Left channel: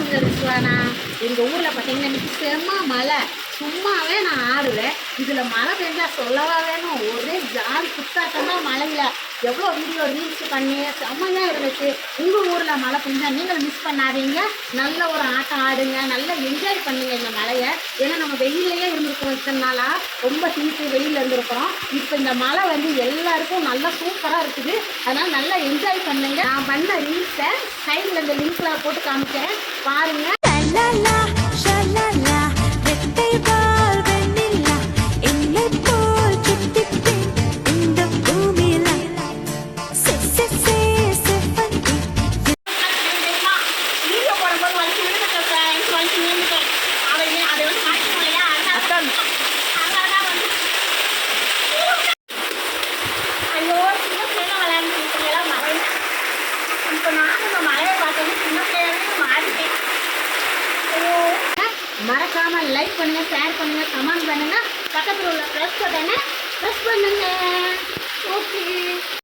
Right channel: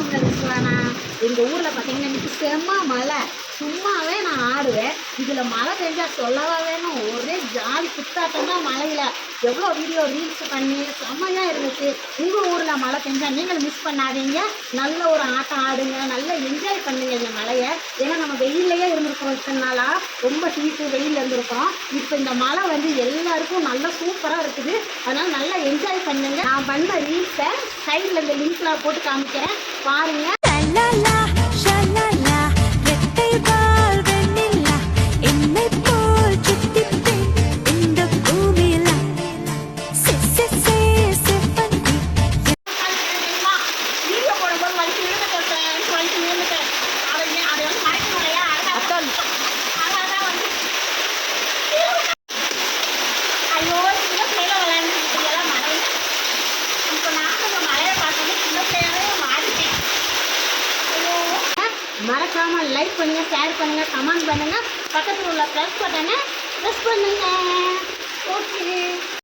உங்க ரிஸ்வானா. எங்கள் ஊரில் பார்த்தீங்கன்னா இன்னைக்கு செம்ம மழை. சும்மாவே நான் ஆடுவேன். இதில் மழை பெஞ்சா சொல்லவா வேணும். ஒரே ஜாலி குத்தாட்டம் தான் மழையில். எவ்வளோ வீடியோ ரீல்ஸ் பண்ணி செம்மையாக இருந்துச்சு. உங்கள் ஊரில் மழை பெஞ்சா நீங்கள் மிஸ் பண்ணாதீங்க. நல்ல ஒரு ஆட்டம் ஆடுங்க, நல்லா என்ஜாய் பண்ணுங்க இந்த மழையை. ஏன்னா நம்ம வெயிலையே இருந்திருக்கிறோம் இத்தனை நாளாக. ரொம்ப ஹீட்டு வெயிலில் இருந்திருக்கிறோம். இப்போ இந்த மழை வந்து எல்லாருக்கும் நல்லா சூப்பராக இருக்குது. அதனால் நல்லா என்ஜாய் பண்ணுங்க. நான் பண்ண ரீல்ஸை சைடில் இந்த லிங்க்லாம் போட்டு காமிக்கிறேன், பாருங்க. ஐயோ, சின்ன பிள்ளைல விளையாண்டுலாம் மழை. இப்போ நான் இந்த மழையை பார்த்தோன்னே சின்ன பிள்ளையாவே மாறிட்டேன். மறக்காம லைக் பண்ணுங்க, ஷேர் பண்ணுங்க, கமெண்ட் பண்ணுங்க, பக்கத்தில் உள்ள ப்ரெஸ் பட்டனை ப்ரெஸ் பண்ணுங்க.